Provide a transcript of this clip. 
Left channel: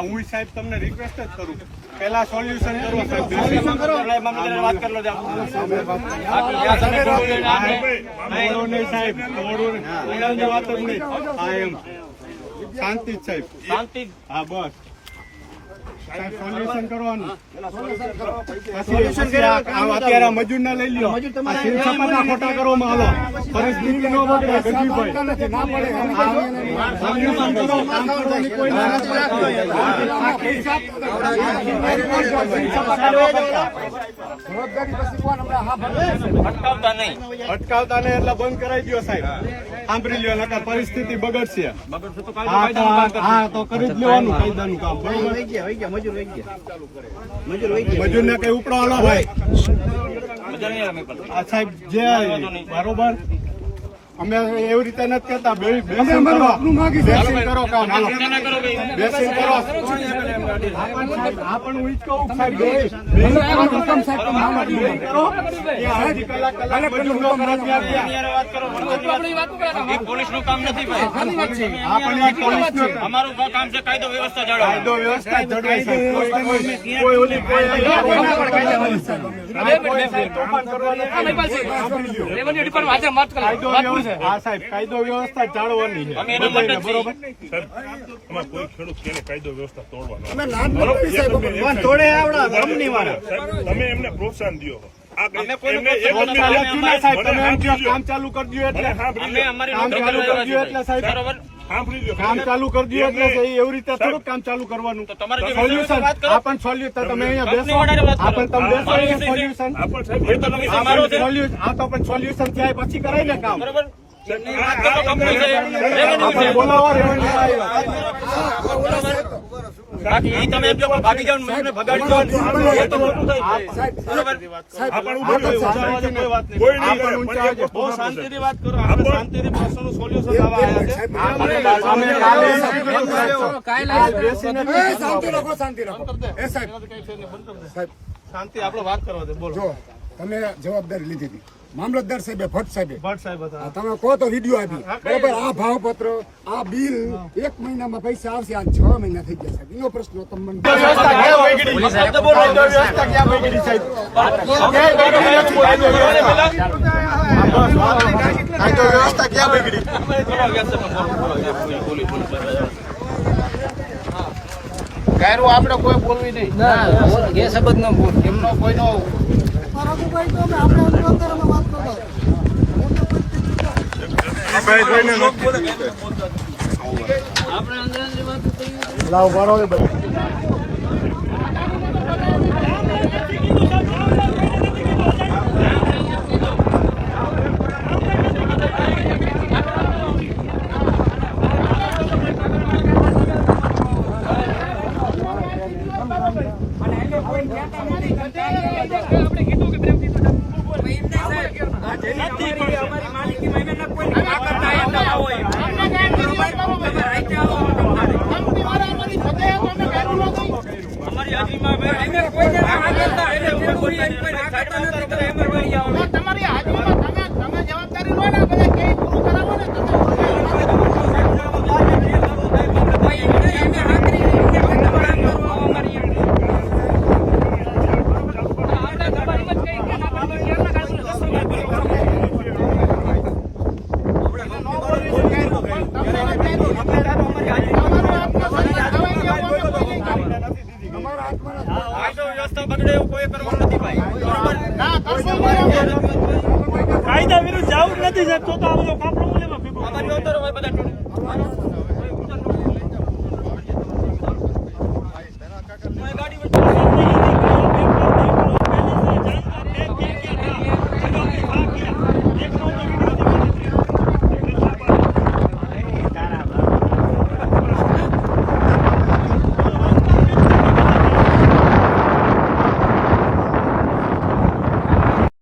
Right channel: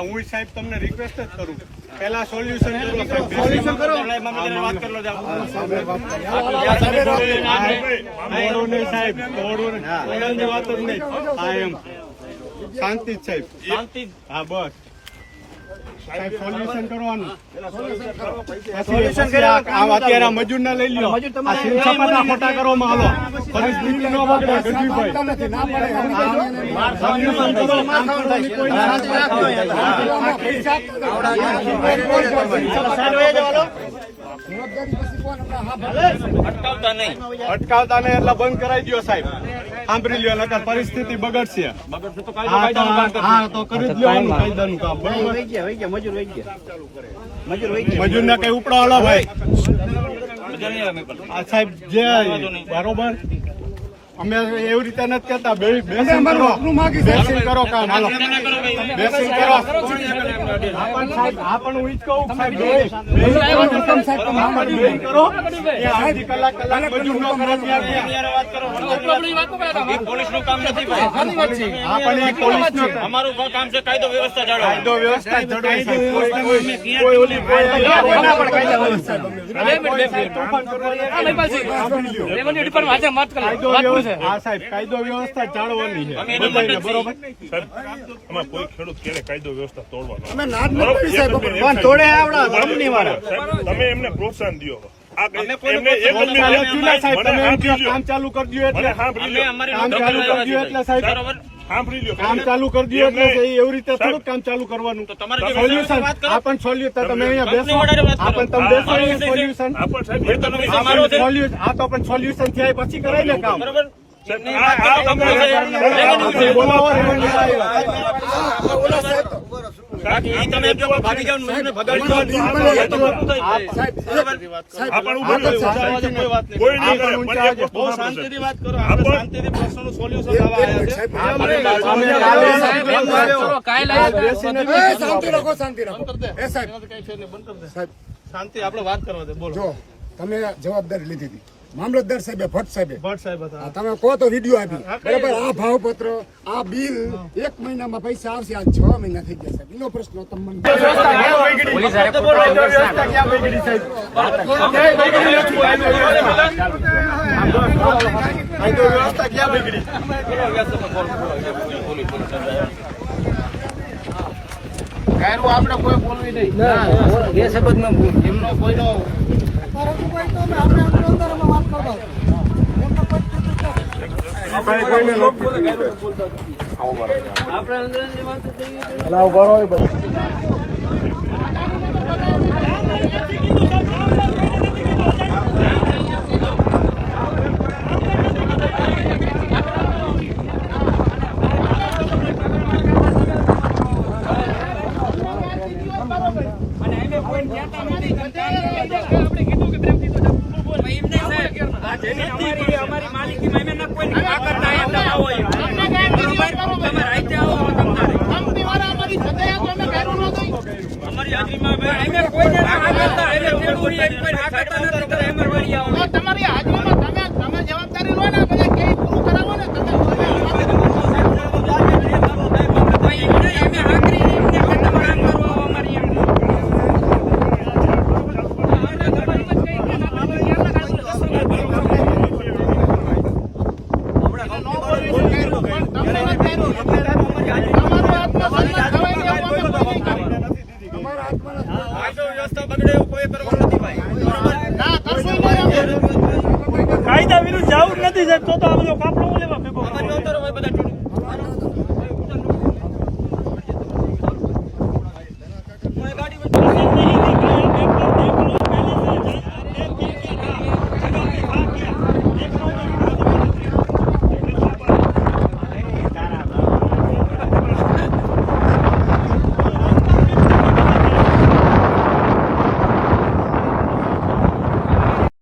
હું સાહેબ તમને રિક્વેસ્ટ જ કરું પેલા સોલ્યુશન કરો વાત કરી લો સાહેબ વાત જ નહીં શાંતિ જ સાહેબ શાંતિ હા બસ સાહેબ સોલ્યુશન કરવાનું અત્યારે મજૂર ના લઈ લ્યો મોટા કરવામાં હાલો ફરી દૂધ નો બગડે ગઢવીભાઈ અટકાવતા નહીં એટલે બંધ કરાવી દો સાહેબ સાંભળી લ્યો નકર પરિસ્થિતિ બગડશે હા તો કરી જ લેવાનું કાયદાનું કામ બરોબર મજૂર ને કઈ ઉપડો હાલો ભાઈ આ સાહેબ જે બરોબર અમે એવી રીતે નથી કેતા બેસીને કરો કામ હાલો બેસીને કરો હા પણ હું જ કહું સાહેબ કરો કલાક મજૂર નો પોલીસ નું કામ નથી અમારું કામ છે કાયદો વ્યવસ્થા જાળવવાની કાયદો વ્યવસ્થા જાળવવાની છે બરોબર કોઈ ખેડૂત કેને કાયદો વ્યવસ્થા તમે એમને પ્રોત્સાહન દો કામ ચાલુ કરી દો એટલે સાહેબ કામ ચાલુ કરી દો એટલે એવી રીતે થોડુંક કામ ચાલુ કરવાનું સોલ્યુશન આ પણ સોલ્યુશન તમે અહીંયા બેસો આ પણ તમે બેસો સોલ્યુશન આ તો પણ સોલ્યુશન થયા પછી કરાય ને કામ બરોબર શાંતિ આપડે વાત કરવા દે બોલો તમે જવાબદારી લીધી હતી મામલતદાર સાહેબે ભટ્ટ સાહેબ તમે કહો તો વિડીયો આપી બરાબર આ ભાવપત્ર આ બિલ 1 મહિનામાં પૈસા આવશે આ 6 મહિના થઈ ગયા સાહેબ એનો પ્રશ્ન તમને આપડે કોઈ બોલવી નહીં એ શબ્દ નો એમનો કોઈનો રઘુભાઈ તો આપણે અંતરમાં વાત કરતા અમારી માલિકીમાં અમે ન કોઈ કરતા અમારી હાજરીમાં તમારી હાજરીમાં તમે જવાબદારી લો ને બધા કઈ પૂરું કરાવો ને કાયદા વિરુદ્ધ જવું જ નથી તો આ બધો કાપડો લેવા ભેગો ગાડી